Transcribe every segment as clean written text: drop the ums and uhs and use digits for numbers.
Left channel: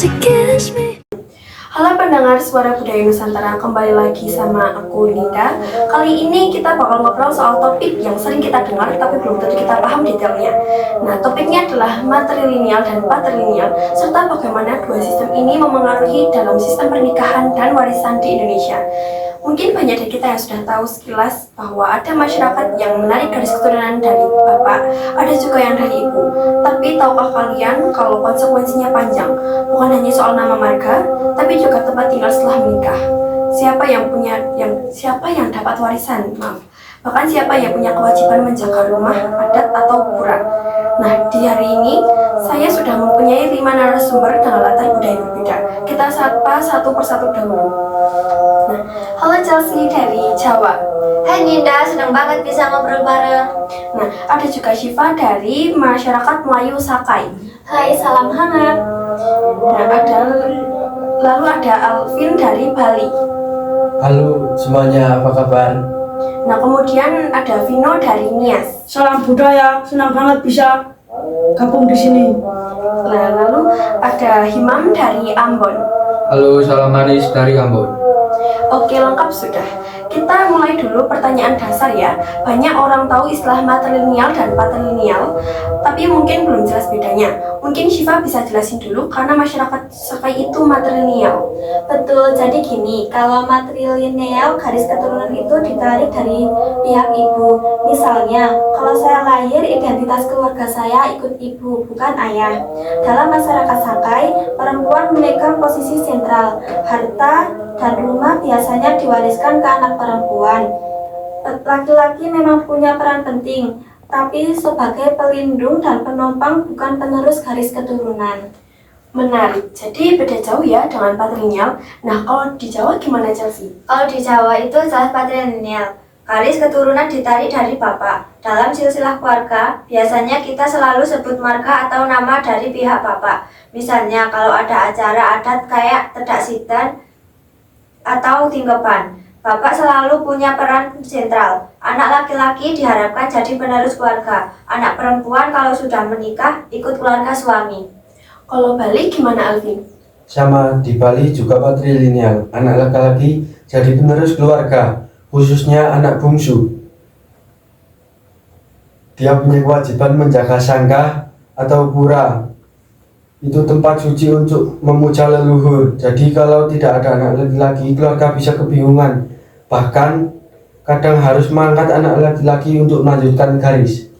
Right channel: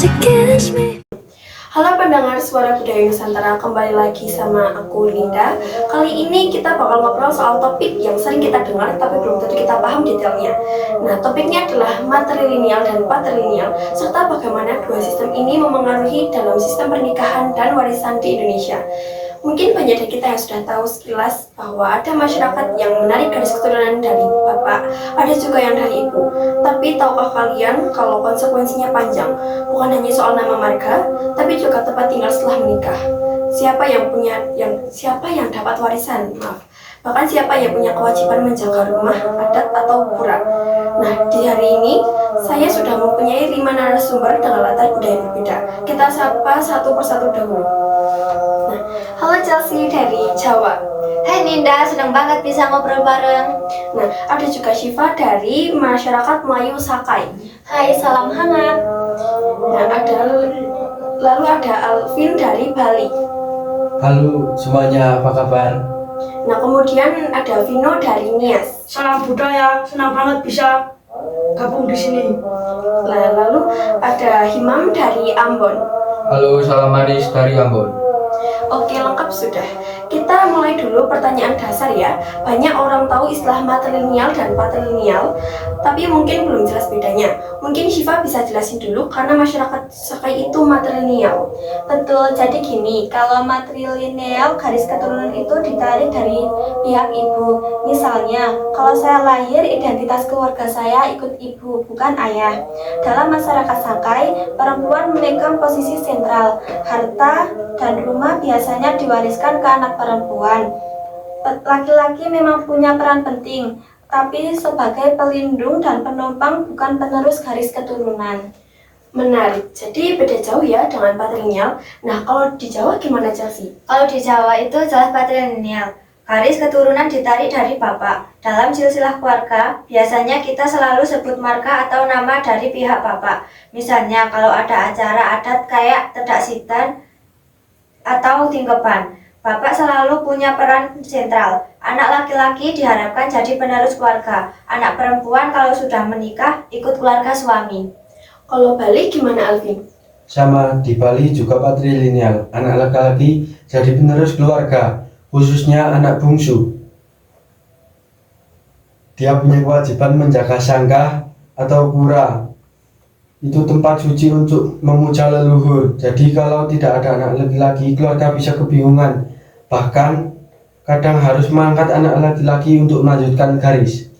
to kiss me. Halo pendengar Suara Budaya Nusantara, kembali lagi sama aku Linda. Kali ini kita bakal ngobrol soal topik yang sering kita dengar tapi belum tentu kita paham detailnya. Nah, topiknya adalah matrilineal dan patrilineal, serta bagaimana dua sistem ini memengaruhi dalam sistem pernikahan dan warisan di Indonesia. Mungkin banyak dari kita yang sudah tahu sekilas bahwa ada masyarakat yang menarik garis keturunan dari bapak, ada juga yang dari ibu. Tapi tahukah kalian kalau konsekuensinya panjang? Bukan hanya soal nama marga, tapi juga tempat tinggal setelah menikah. Siapa yang dapat warisan? Bahkan siapa yang punya kewajiban menjaga rumah, adat, atau kuburan. Nah, di hari ini saya sudah mempunyai 5 narasumber dengan latar budaya berbeda. Kita sapa satu persatu dahulu. Nah, halo Chelsea dari Jawa. Hai Ninda, senang banget bisa ngobrol bareng. Nah, ada juga Syifa dari masyarakat Melayu Sakai. Hai, salam hangat. Nah, lalu ada Alvin dari Bali. Halo semuanya, apa kabar? Nah, kemudian ada Vino dari Nias. Salam budaya, senang banget bisa gabung di sini. Nah, lalu ada Himam dari Ambon. Halo, salam manis dari Ambon. Oke, lengkap sudah. Kita mulai dulu pertanyaan dasar ya. Banyak orang tahu istilah matrilineal dan patrilineal, tapi mungkin belum jelas bedanya. Mungkin Syifa bisa jelasin dulu karena masyarakat Sakai itu matrilineal. Betul, jadi gini, kalau matrilineal garis keturunan itu ditarik dari pihak ibu. Misalnya, kalau saya lahir, identitas keluarga saya ikut ibu, bukan ayah. Dalam masyarakat Sakai, perempuan memegang posisi sentral. Harta dan rumah biasanya diwariskan ke anak perempuan. Laki-laki memang punya peran penting, tapi sebagai pelindung dan penopang, bukan penerus garis keturunan. Menarik. Jadi beda jauh ya dengan patrilineal. Nah, kalau di Jawa gimana Chelsea? Kalau di Jawa itu jelas patrilineal. Garis keturunan ditarik dari bapak. Dalam silsilah keluarga, biasanya kita selalu sebut marga atau nama dari pihak bapak. Misalnya kalau ada acara adat kayak tedak sidan atau tingkeban, bapak selalu punya peran sentral. Anak laki-laki diharapkan jadi penerus keluarga. Anak perempuan kalau sudah menikah ikut keluarga suami. Kalau Bali gimana Alvin? Sama, di Bali juga patrilineal. Anak laki-laki jadi penerus keluarga, khususnya anak bungsu. Dia punya kewajiban menjaga sangkah atau pura. Itu tempat suci untuk memuja leluhur. Jadi kalau tidak ada anak laki-laki, keluarga bisa kebingungan. Bahkan kadang harus mengangkat anak laki-laki untuk melanjutkan garis.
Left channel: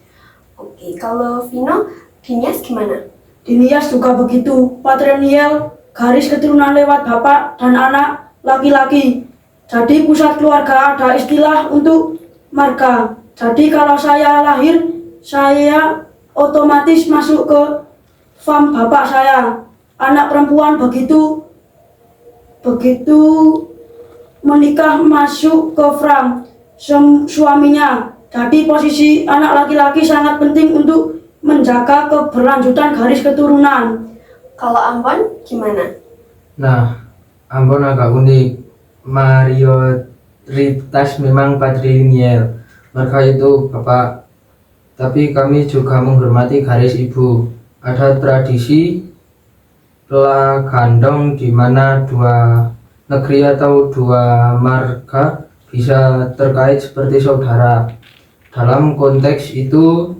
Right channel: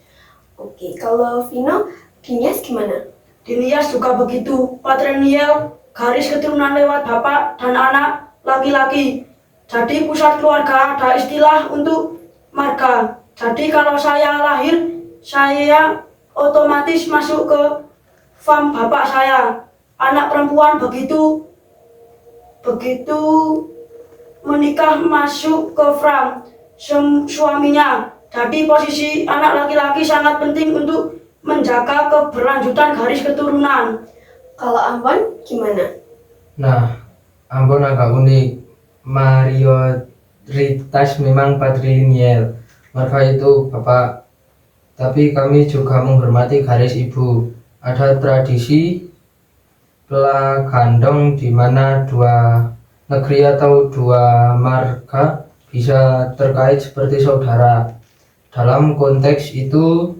Oke, kalau Vino, di Nias gimana? Di Nias juga begitu, patrilineal, garis keturunan lewat bapak dan anak laki-laki. Jadi pusat keluarga ada istilah untuk marga. Jadi kalau saya lahir, saya otomatis masuk ke fam bapak saya. Anak perempuan begitu menikah masuk ke fam suaminya. Jadi posisi anak laki-laki sangat penting untuk menjaga keberlanjutan garis keturunan. Kalau Ambon gimana? Nah, Ambon agak unik. Mayoritas memang patrilineal. Marga itu bapak, tapi kami juga menghormati garis ibu. Ada tradisi pelah gandong di mana dua negeri atau dua marga bisa terkait seperti saudara. Dalam konteks itu,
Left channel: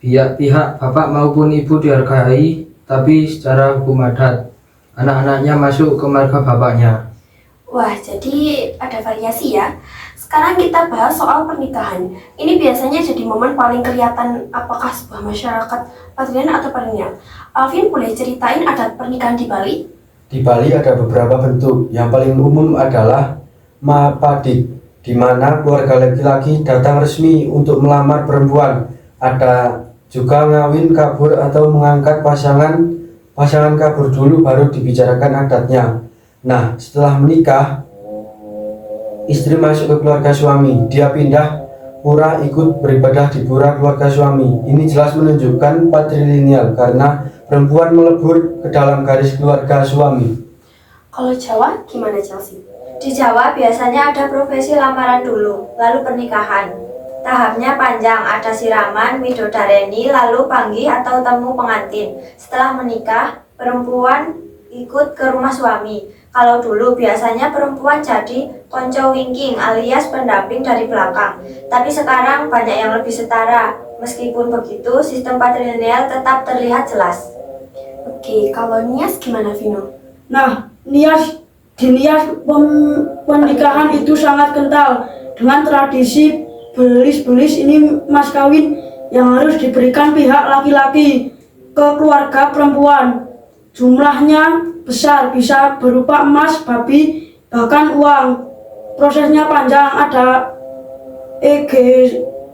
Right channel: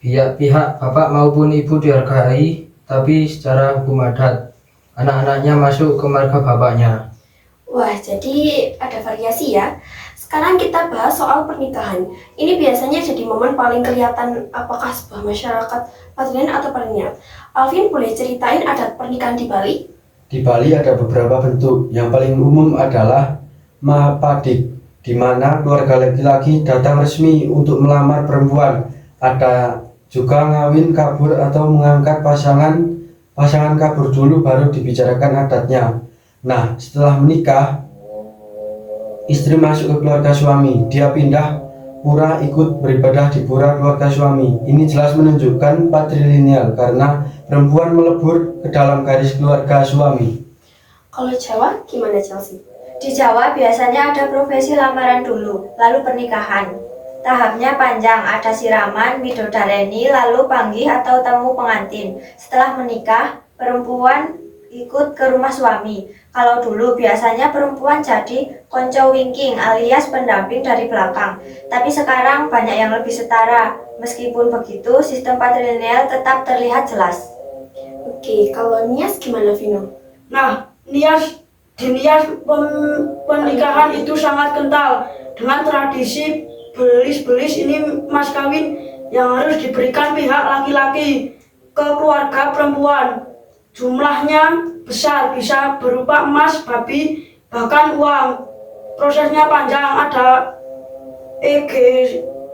pihak bapak maupun ibu dihargai, tapi secara hukum adat, anak-anaknya masuk ke marga bapaknya. Wah, jadi ada variasi ya. Sekarang kita bahas soal pernikahan. Ini biasanya jadi momen paling kelihatan apakah sebuah masyarakat patrilineal atau patrilineal. Alvin, boleh ceritain adat pernikahan di Bali? Di Bali ada beberapa bentuk. Yang paling umum adalah mapadik, di mana keluarga laki-laki datang resmi untuk melamar perempuan. Ada juga ngawin kabur atau mengangkat pasangan kabur dulu baru dibicarakan adatnya. Nah, setelah menikah, istri masuk ke keluarga suami. Dia pindah pura ikut beribadah di pura keluarga suami. Ini jelas menunjukkan patrilineal karena perempuan melebur ke dalam garis keluarga suami. Kalau Jawa gimana Chelsea? Di Jawa biasanya ada prosesi lamaran dulu, lalu pernikahan. Tahapnya panjang, ada siraman, midodareni, lalu panggih atau temu pengantin. Setelah menikah, perempuan ikut ke rumah suami. Kalau dulu biasanya perempuan jadi konco wingking alias pendamping dari belakang. Tapi sekarang banyak yang lebih setara. Meskipun begitu, sistem patrilineal tetap terlihat jelas. Oke, kalau Nias gimana Vino? Nah, di Nias pernikahan itu sangat kental dengan tradisi belis-belis ini mas kawin yang harus diberikan pihak laki-laki ke keluarga perempuan. Jumlahnya besar, bisa berupa emas, babi, bahkan uang. Prosesnya panjang, ada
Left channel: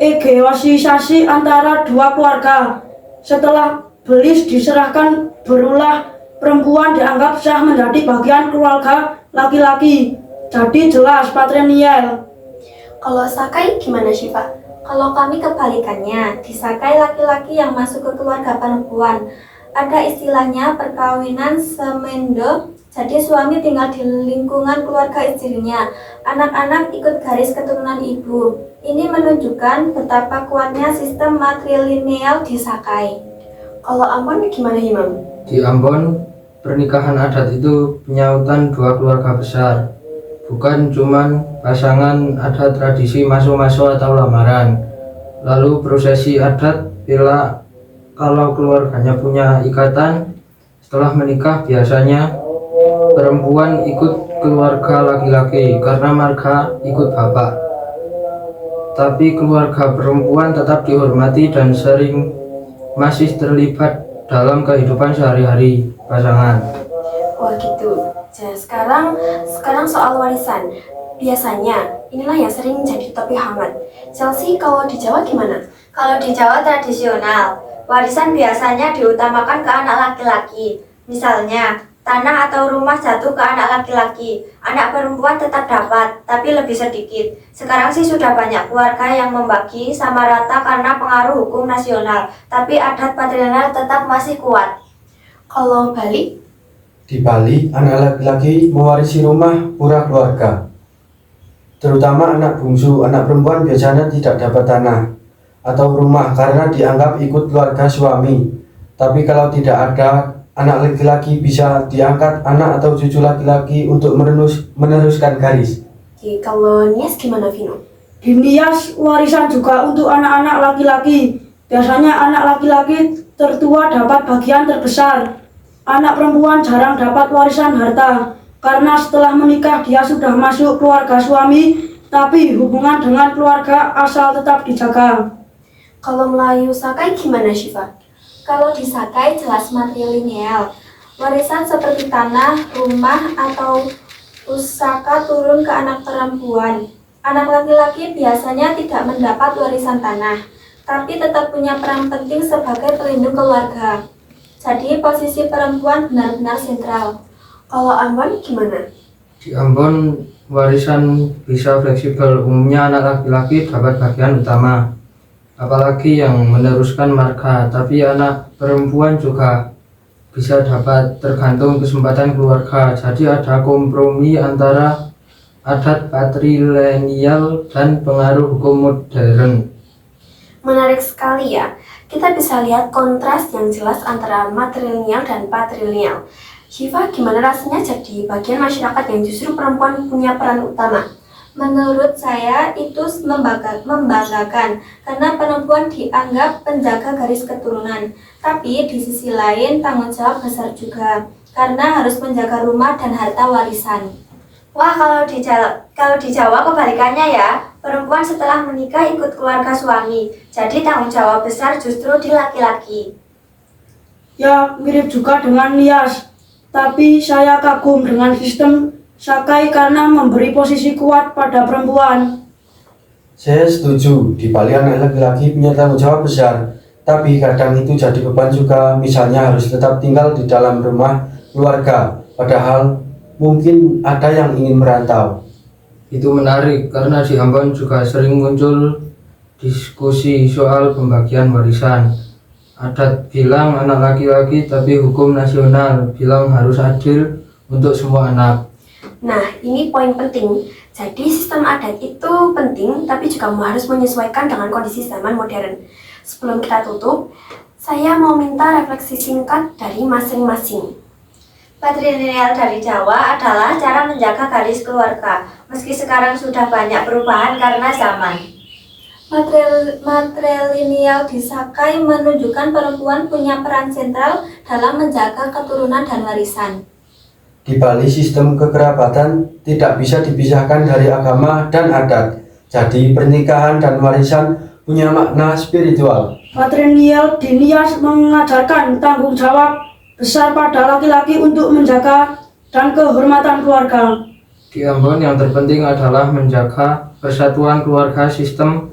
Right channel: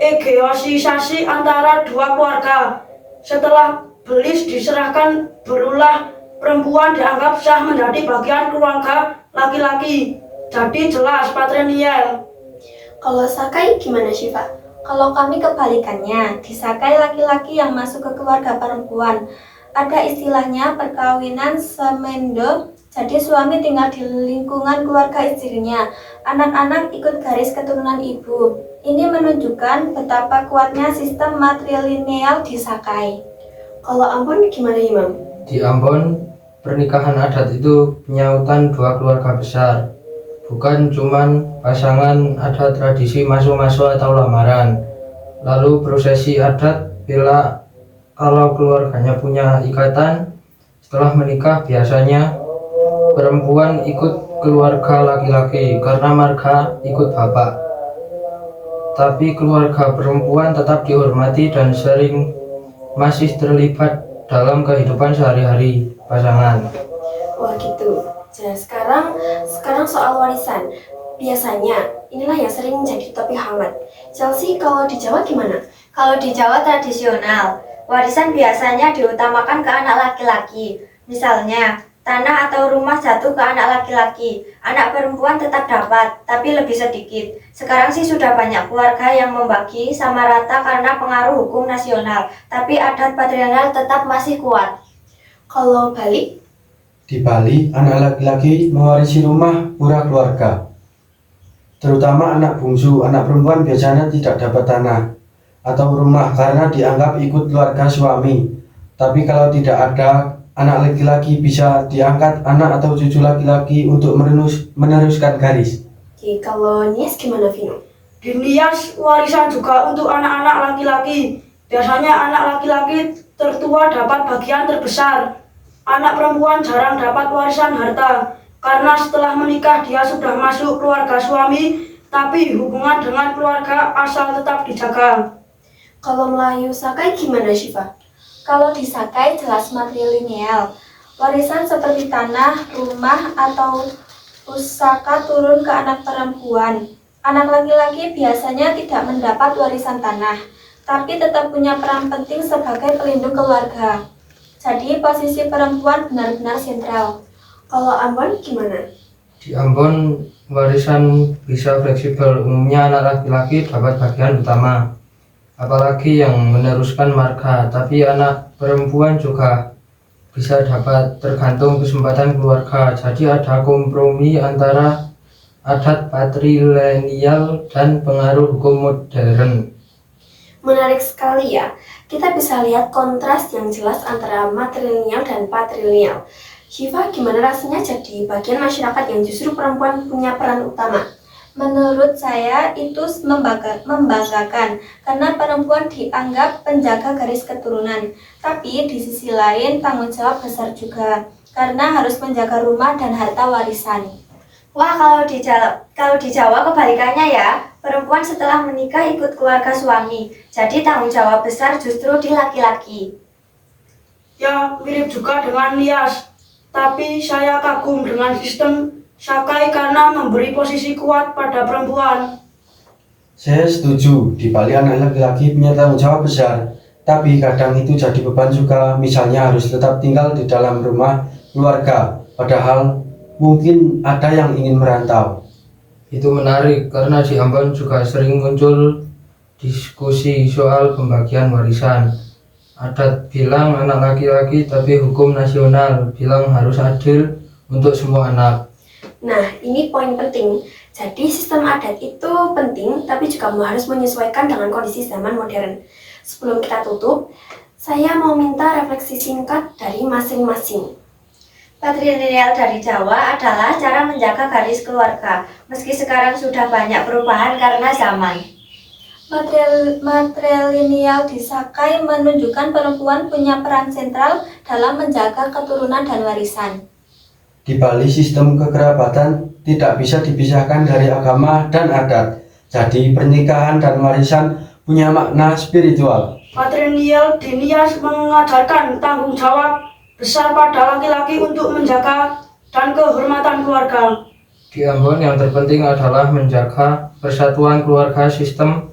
negosiasi antara dua keluarga. Setelah belis diserahkan, berulah perempuan dianggap sah menjadi bagian keluarga laki-laki. Jadi jelas patrilineal. Kalau Sakai gimana Syifa? Kalau kami kebalikannya, disakai laki-laki yang masuk ke keluarga perempuan. Ada istilahnya perkawinan semendo, jadi suami tinggal di lingkungan keluarga istrinya. Anak-anak ikut garis keturunan ibu. Ini menunjukkan betapa kuatnya sistem matrilineal di Sakai. Kalau Ambon gimana Imam? Di Ambon, pernikahan adat itu penyautan dua keluarga besar. Bukan cuman pasangan, ada tradisi masuk-masuk atau lamaran. Lalu prosesi adat bila kalau keluarganya punya ikatan, setelah menikah biasanya perempuan ikut keluarga laki-laki karena marga ikut bapak. Tapi keluarga perempuan tetap dihormati dan sering masih terlibat dalam kehidupan sehari-hari pasangan. Wah gitu. Nah, sekarang soal warisan. Biasanya inilah yang sering menjadi topik hangat. Chelsea, kalau di Jawa gimana? Kalau di Jawa tradisional, warisan biasanya diutamakan ke anak laki-laki. Misalnya, tanah atau rumah jatuh ke anak laki-laki. Anak perempuan tetap dapat, tapi lebih sedikit. Sekarang sih sudah banyak keluarga yang membagi sama rata karena pengaruh hukum nasional. Tapi adat patrilineal tetap masih kuat. Kalau Bali? Di Bali, anak laki-laki mewarisi rumah pura keluarga. Terutama anak bungsu, anak perempuan biasanya tidak dapat tanah atau rumah karena dianggap ikut keluarga suami. Tapi kalau tidak ada anak laki-laki, bisa diangkat anak atau cucu laki-laki untuk meneruskan garis. Oke, kalau Nias gimana Vino? Di Nias, warisan juga untuk anak-anak laki-laki. Biasanya anak laki-laki tertua dapat bagian terbesar. Anak perempuan jarang dapat warisan harta karena setelah menikah dia sudah masuk keluarga suami, tapi hubungan dengan keluarga asal tetap dijaga. Kalau Melayu Sakai gimana Syifa? Kalau di Sakai jelas matrilineal. Warisan seperti tanah, rumah, atau pusaka turun ke anak perempuan. Anak laki-laki biasanya tidak mendapat warisan tanah, tapi tetap punya peran penting sebagai pelindung keluarga. Jadi posisi perempuan benar-benar sentral. Kalau Ambon gimana? Di Ambon, warisan bisa fleksibel. Umumnya anak laki-laki dapat bagian utama, apalagi yang meneruskan marga. Tapi anak perempuan juga bisa dapat, tergantung kesempatan keluarga. Jadi ada kompromi antara adat patrilineal dan pengaruh hukum modern. Menarik sekali ya. Kita bisa lihat kontras yang jelas antara matrilineal dan patrilineal. Syifa, gimana rasanya jadi bagian masyarakat yang justru perempuan punya peran utama? Menurut saya itu membanggakan karena perempuan dianggap penjaga garis keturunan. Tapi di sisi lain tanggung jawab besar juga karena harus menjaga rumah dan harta warisan. Wah, kalau di Jawa kebalikannya ya. Perempuan setelah menikah ikut keluarga suami. Jadi tanggung jawab besar justru di laki-laki. Ya, mirip juga dengan Nias. Tapi saya kagum dengan sistem Sakai karena memberi posisi kuat pada perempuan. Saya setuju, di Bali anak laki-laki punya tanggung jawab besar, tapi kadang itu jadi beban juga, misalnya harus tetap tinggal di dalam rumah keluarga, padahal mungkin ada yang ingin merantau. Itu menarik karena di Ambon juga sering muncul diskusi soal pembagian warisan. Adat bilang anak laki-laki, tapi hukum nasional bilang harus adil untuk semua anak. Nah, ini poin penting. Jadi sistem adat itu penting, tapi juga harus menyesuaikan dengan kondisi zaman modern. Sebelum kita tutup, saya mau minta refleksi singkat dari masing-masing. Patrilineal dari Jawa adalah cara menjaga garis keluarga, meski sekarang sudah banyak perubahan karena zaman. Matrilineal di Sakai menunjukkan perempuan punya peran sentral dalam menjaga keturunan dan warisan. Di Bali, sistem kekerabatan tidak bisa dipisahkan dari agama dan adat. Jadi, pernikahan dan warisan punya makna spiritual. Patrilineal di Nias mengajarkan tanggung jawab besar pada laki-laki untuk menjaga dan kehormatan keluarga. Di Ambon yang terpenting adalah menjaga persatuan keluarga. Sistem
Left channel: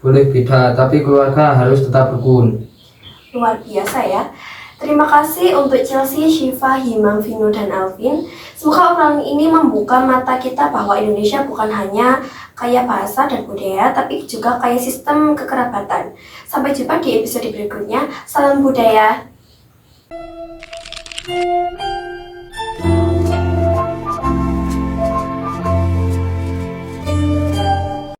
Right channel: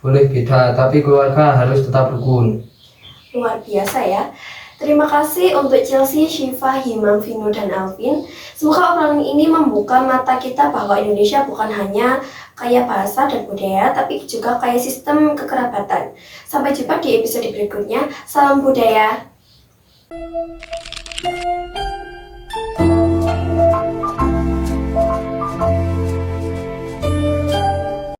boleh beda, tapi keluarga harus tetap rukun. Luar biasa ya. Terima kasih untuk Chelsea, Syifa, Himam, Vino, dan Alvin. Semoga obrolan ini membuka mata kita bahwa Indonesia bukan hanya kaya bahasa dan budaya, tapi juga kaya sistem kekerabatan. Sampai jumpa di episode berikutnya. Salam budaya.